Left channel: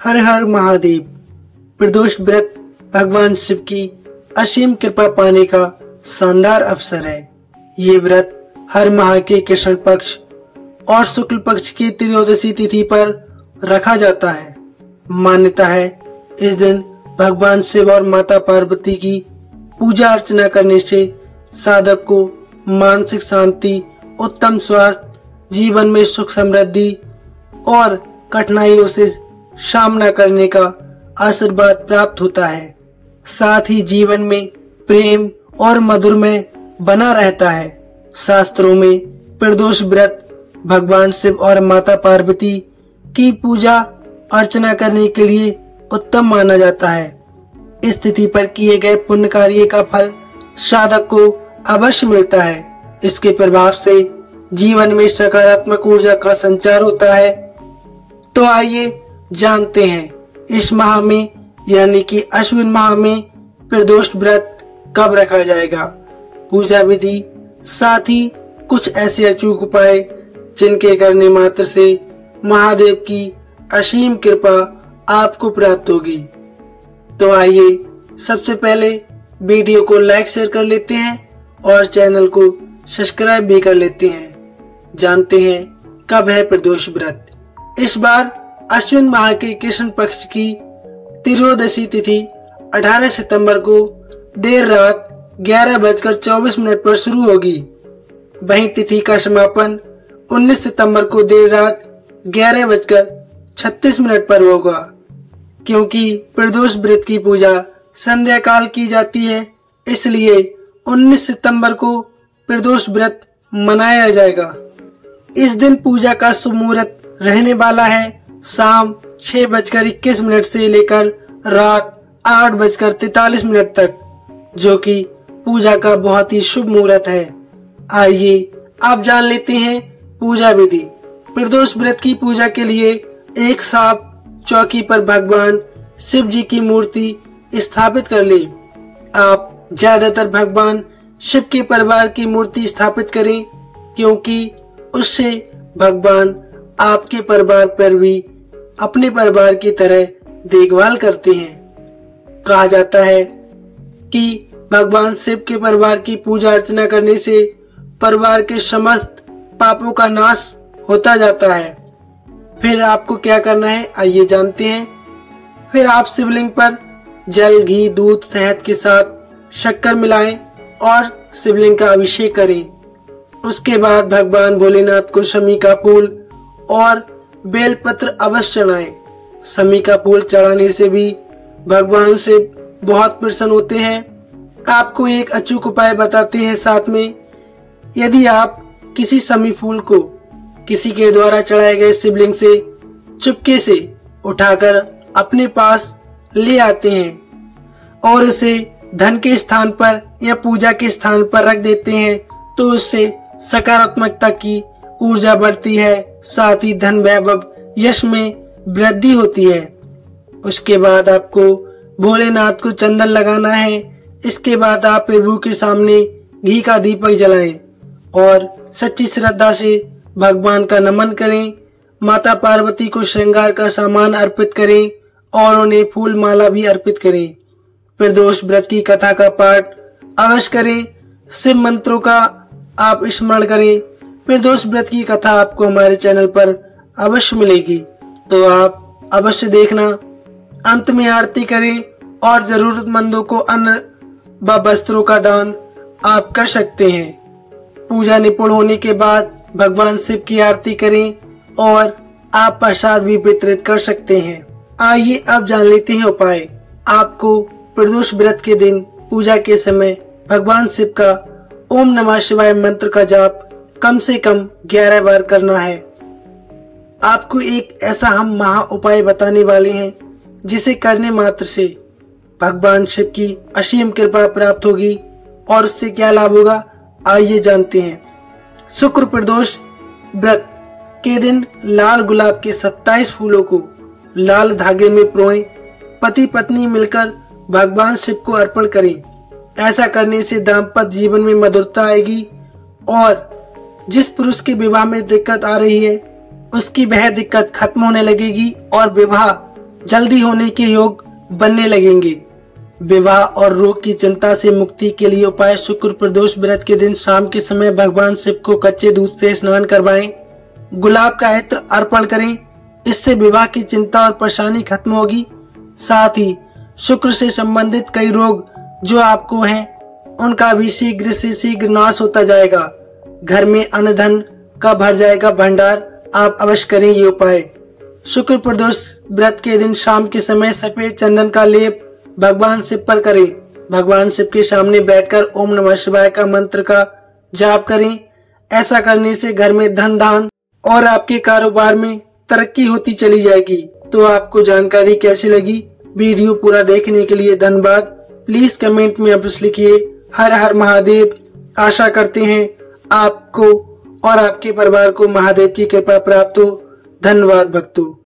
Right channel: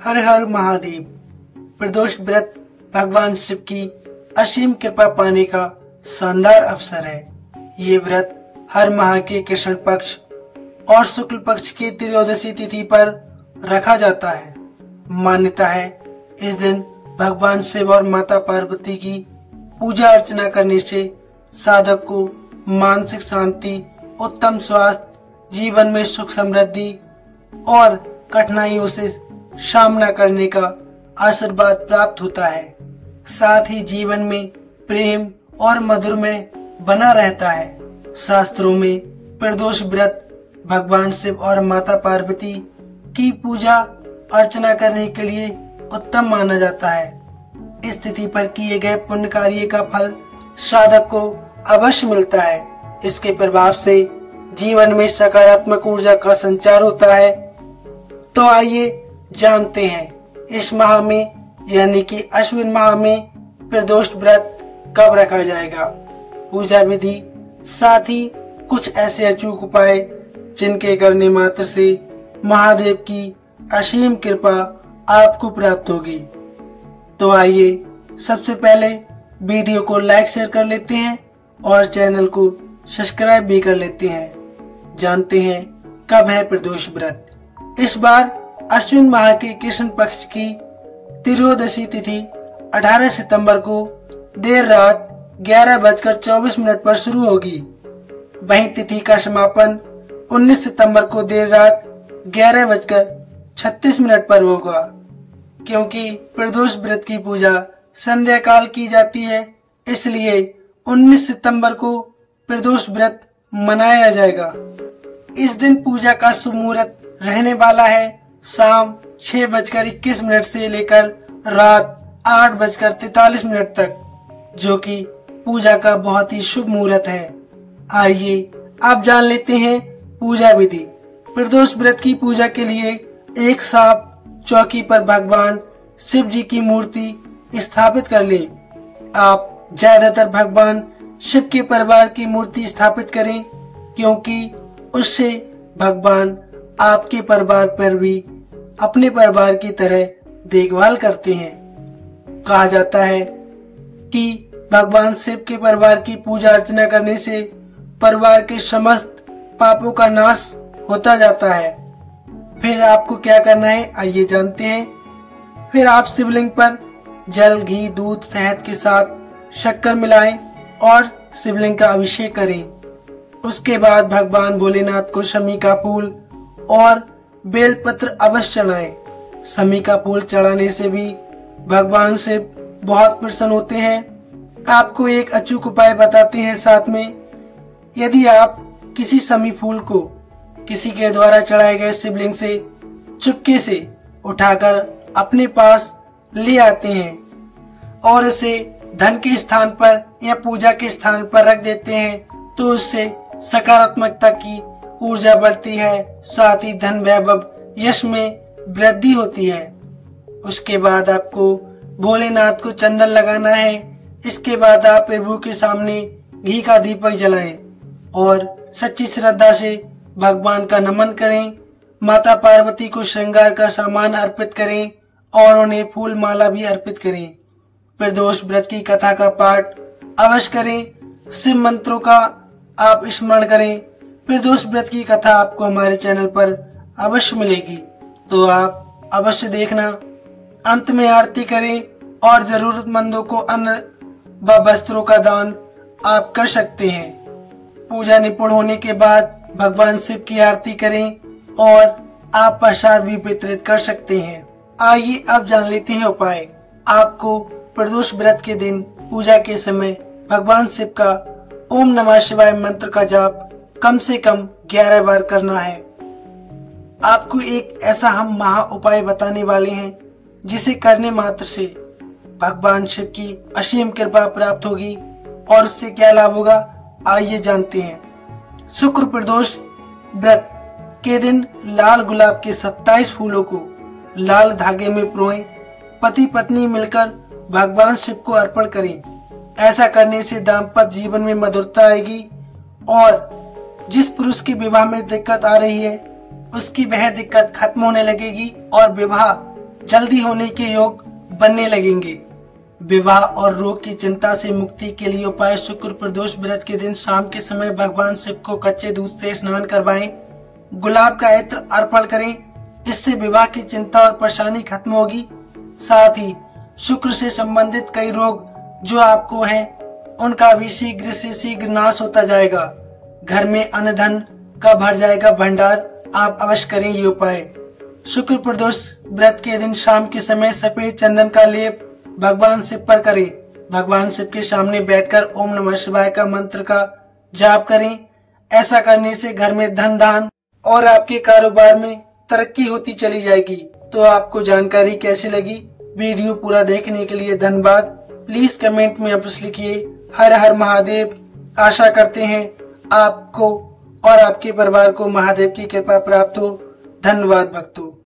हर हर महादेव। प्रदोष व्रत भगवान शिव की असीम कृपा पाने का शानदार अवसर है। ये व्रत हर माह के कृष्ण पक्ष और शुक्ल पक्ष की त्रयोदशी तिथि पर रखा जाता है। मान्यता है इस दिन भगवान शिव और माता पार्वती की पूजा अर्चना करने से साधक को मानसिक शांति, उत्तम स्वास्थ्य, जीवन में सुख समृद्धि और कठिनाइयों से सामना करने का आशीर्वाद प्राप्त होता है। साथ ही जीवन में प्रेम और मधुरमय बना रहता है। शास्त्रों में प्रदोष व्रत भगवान शिव और माता पार्वती की पूजा अर्चना करने के लिए उत्तम माना जाता है। इस तिथि पर किए गए पुण्य कार्य का फल साधक को अवश्य मिलता है। इसके प्रभाव से जीवन में सकारात्मक ऊर्जा का संचार होता है। तो आइए जानते हैं इस माह में यानी कि अश्विन माह में प्रदोष व्रत कब रखा जाएगा, पूजा विधि, साथ ही कुछ ऐसे अचूक उपाय जिनके करने मात्र से महादेव की असीम कृपा आपको प्राप्त होगी। तो आइए सबसे पहले वीडियो को लाइक शेयर कर लेते हैं और चैनल को सब्सक्राइब भी कर लेते हैं। जानते हैं कब है प्रदोष व्रत। इस बार अश्विन माह के कृष्ण पक्ष की त्रयोदशी तिथि 18 सितंबर को देर रात 11:24 पर शुरू होगी। वहीं तिथि का समापन 19 सितंबर को देर रात 11:36 पर होगा। क्योंकि प्रदोष व्रत की पूजा संध्या काल की जाती है, इसलिए 19 सितंबर को प्रदोष व्रत मनाया जाएगा। इस दिन पूजा का शुभ मुहूर्त रहने वाला है शाम 6:21 से लेकर रात 8:43 तक, जो कि पूजा का बहुत ही शुभ मुहूर्त है। आइए आप जान लेते हैं पूजा विधि। प्रदोष व्रत की पूजा के लिए एक सांप चौकी पर भगवान शिव जी की मूर्ति स्थापित कर ले। आप ज्यादातर भगवान शिव के परिवार की मूर्ति स्थापित करें, क्योंकि उससे भगवान आपके परिवार पर भी अपने परिवार की तरह देखभाल करते हैं। कहा जाता है कि भगवान शिव के परिवार की पूजा अर्चना करने से परिवार के समस्त पापों का नाश होता जाता है। फिर आपको क्या करना है आइए जानते हैं। फिर आप शिवलिंग पर जल, घी, दूध, शहद के साथ शक्कर मिलाएं और शिवलिंग का अभिषेक करें। उसके बाद भगवान भोलेनाथ को शमी का फूल और बेलपत्र अवश्य चढ़ाएं। शमी का फूल चढ़ाने से भी भगवान शिव बहुत प्रसन्न होते हैं। आपको एक अचूक उपाय बताते हैं साथ में। यदि आप किसी शमी फूल को किसी के द्वारा चढ़ाए गए शिवलिंग से चुपके से उठाकर अपने पास ले आते हैं और इसे धन के स्थान पर या पूजा के स्थान पर रख देते हैं, तो उससे सकारात्मकता की ऊर्जा बढ़ती है। साथ ही धन, वैभव, यश में वृद्धि होती है। उसके बाद आपको भोलेनाथ को चंदन लगाना है। इसके बाद आप प्रभु के सामने घी का दीपक जलाएं और सच्ची श्रद्धा से भगवान का नमन करें। माता पार्वती को श्रृंगार का सामान अर्पित करें और उन्हें फूल माला भी अर्पित करें। प्रदोष व्रत की कथा का पाठ अवश्य करें। शिव मंत्रों का आप स्मरण करें। प्रदोष व्रत की कथा आपको हमारे चैनल पर अवश्य मिलेगी, तो आप अवश्य देखना। अंत में आरती करें और जरूरतमंदों को अन्न व वस्त्रों का दान आप कर सकते हैं। पूजा निपुण होने के बाद भगवान शिव की आरती करें और आप प्रसाद भी वितरित कर सकते हैं। आइए अब जान लेते हैं उपाय। आपको प्रदोष व्रत के दिन पूजा के समय भगवान शिव का ओम नमः शिवाय मंत्र का जाप कम से कम 11 बार करना है। आपको एक ऐसा हम महा उपाय बताने वाले हैं जिसे करने मात्र से भगवान शिव की असीम कृपा प्राप्त होगी। और उससे क्या लाभ होगा आइए जानते हैं। शुक्र प्रदोष व्रत के दिन लाल गुलाब के 27 फूलों को लाल धागे में पिरोएं। पति पत्नी मिलकर भगवान शिव को अर्पण करें। ऐसा करने से दाम्पत्य जीवन में मधुरता आएगी और जिस पुरुष के विवाह में दिक्कत आ रही है उसकी वह दिक्कत खत्म होने लगेगी और विवाह जल्दी होने के योग बनने लगेंगे। विवाह और रोग की चिंता से मुक्ति के लिए उपाय: शुक्र प्रदोष व्रत के दिन शाम के समय भगवान शिव को कच्चे दूध से स्नान करवाएं, गुलाब का इत्र अर्पण करें। इससे विवाह की चिंता और परेशानी खत्म होगी। साथ ही शुक्र से संबंधित कई रोग जो आपको हैं, उनका भी शीघ्र से शीघ्र नाश होता जाएगा। घर में अन्न धन का भर जाएगा भंडार। आप अवश्य करें ये उपाय। शुक्र प्रदोष व्रत के दिन शाम के समय सफेद चंदन का लेप भगवान शिव पर करें। भगवान शिव के सामने बैठकर ओम नमः शिवाय का मंत्र का जाप करें। ऐसा करने से घर में धन धान और आपके कारोबार में तरक्की होती चली जाएगी। तो आपको जानकारी कैसी लगी? वीडियो पूरा देखने के लिए धन्यवाद। प्लीज कमेंट में अवश्य लिखिए। हर हर महादेव। आशा करते हैं आपको और आपके परिवार को महादेव की कृपा प्राप्त हो। धन्यवाद भक्तों।